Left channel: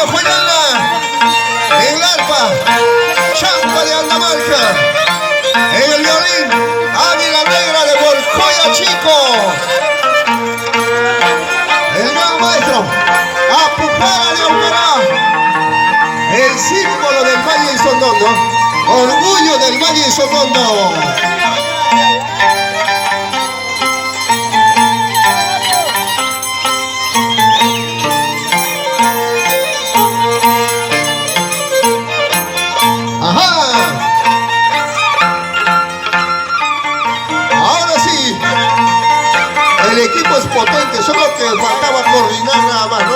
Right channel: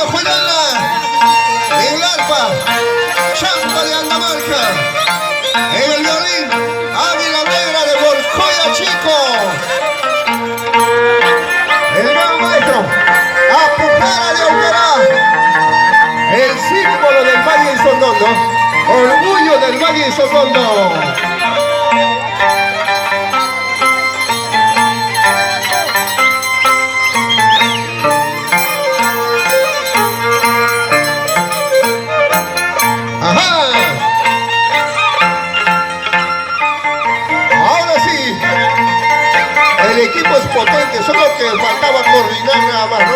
Mario Juliana, en el arpa, Champa de Andamarca, en el violín, Ávila Negra de Borcoya Chico, el gran maestro, Apujara de Aguará, el símbolo del Valle Isotondo, orgullo del Valle Isotondo. El equipo es potente, solo que faltaba coordinar nada más, ¿no?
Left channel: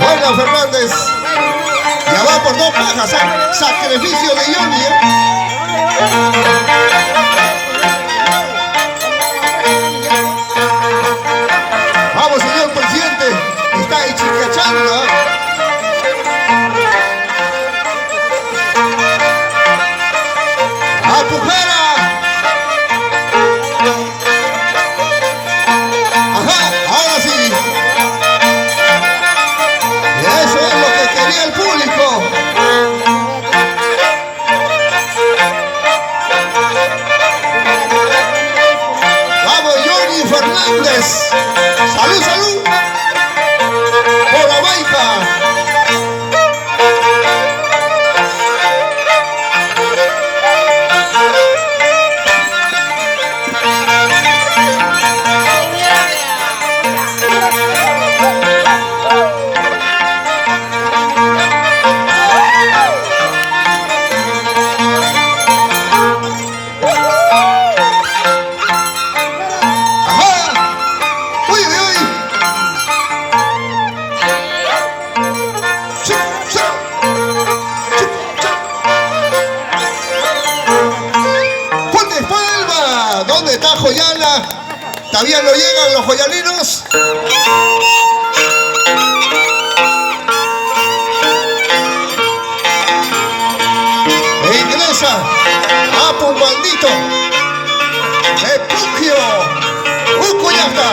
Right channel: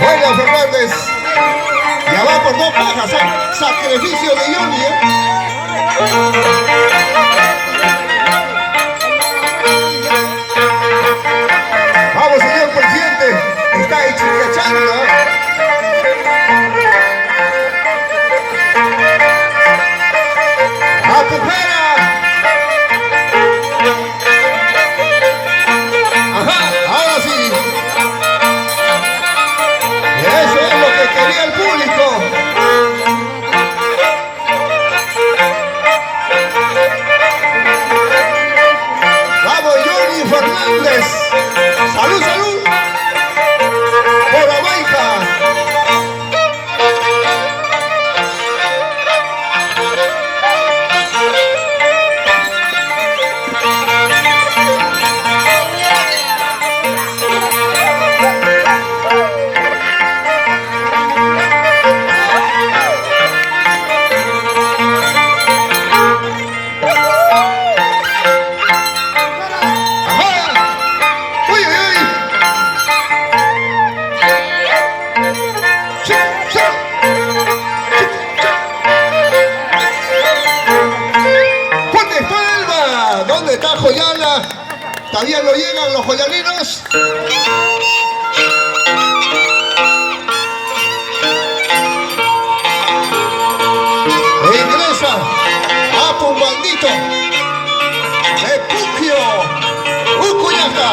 Bueno, Fernández, ya va por 2 pajas, ¿eh? Sacrificio de Johnny, ¿eh? Vamos, señor presidente, está chincachando, ¿eh? ¡Apujera! Ahora sí. Eso es lo que quería el público. Vamos, Johnny Fernández. Salud, salud. Por la baica. ¿Dónde está Joyana? ¿Todavía no llegan los joyaninos? E ingresa Apu Bandito, Epugio, Ucuyata.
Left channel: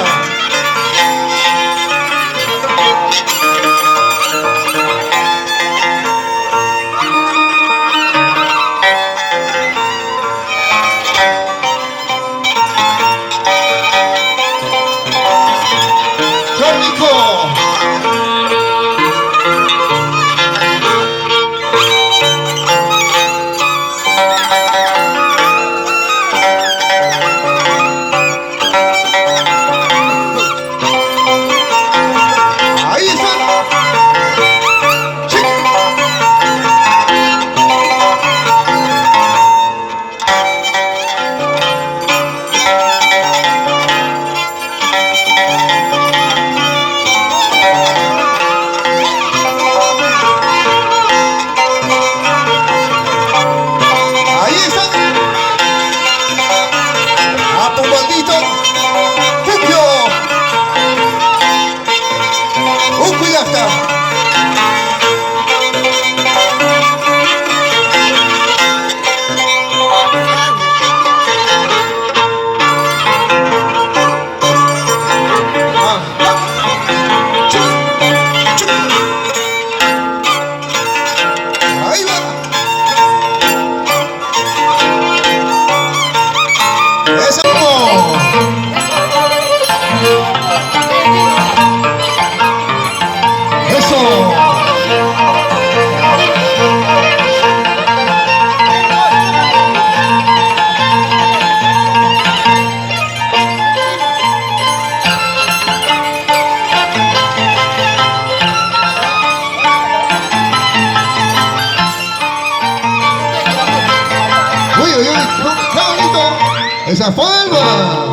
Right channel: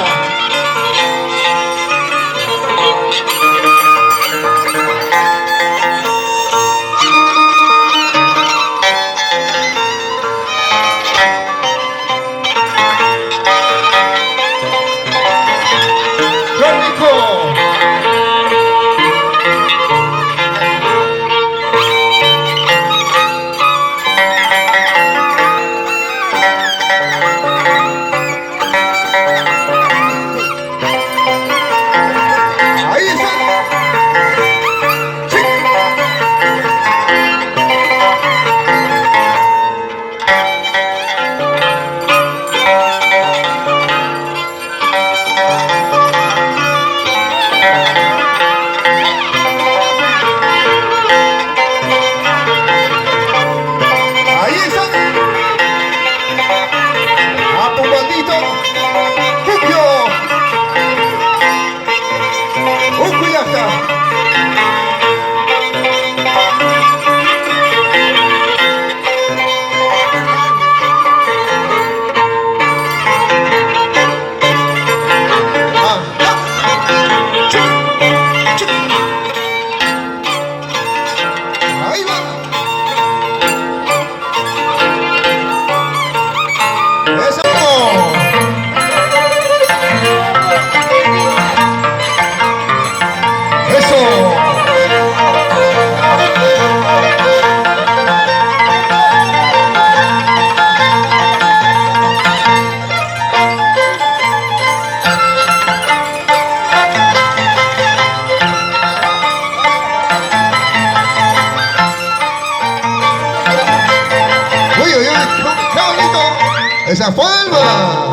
Esa forma.